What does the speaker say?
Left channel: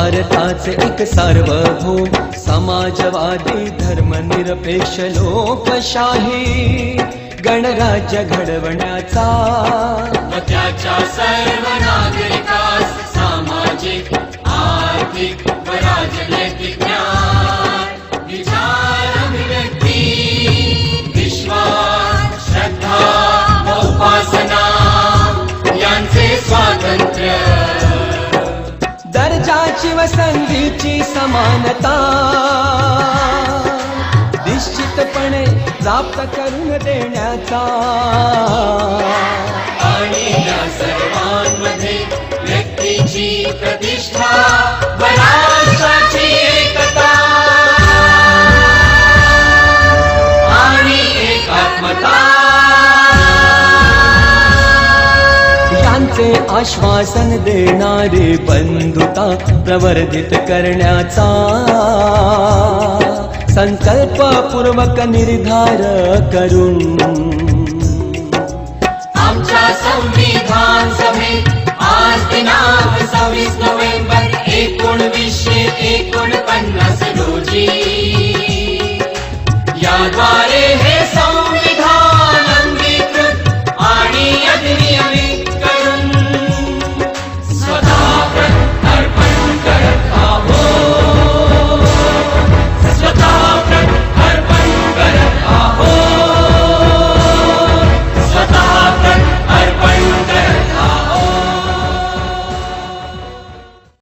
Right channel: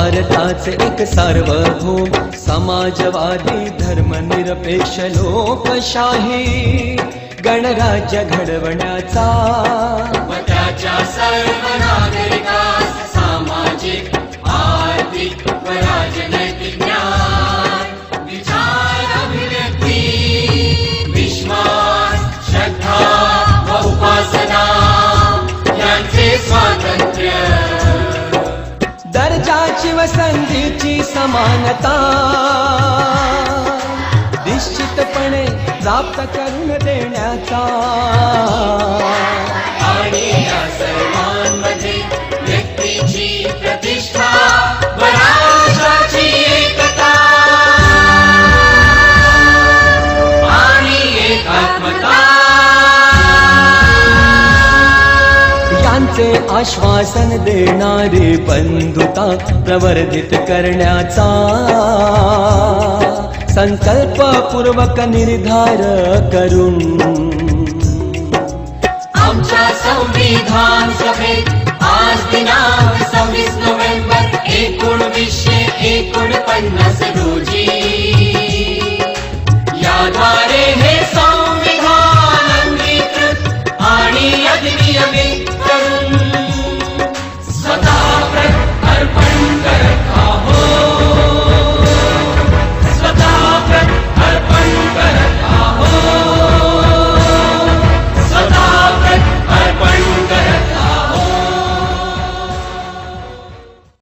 भारताचे एक सार्वभौम समाजवादी धर्मनिरपेक्ष लोकशाही गणराज्य घडवण्याचा त्याच्या सर्व नागरिकास सामाजिक आर्थिक व राजनैतिक ज्ञान विचार अभिव्यक्ती विश्वास श्रद्धा व उपासना यांचे स्वातंत्र्य दर्जाची व संधीची समानता निश्चितपणे प्राप्त करून देण्याचा आणि या सर्वांमध्ये व्यक्तीची प्रतिष्ठा व राष्ट्राची एकता आणि एकात्मता यांचे आश्वासन देणारी बंधुता प्रवर्धित करण्याचा संकल्पपूर्वक निर्धार करून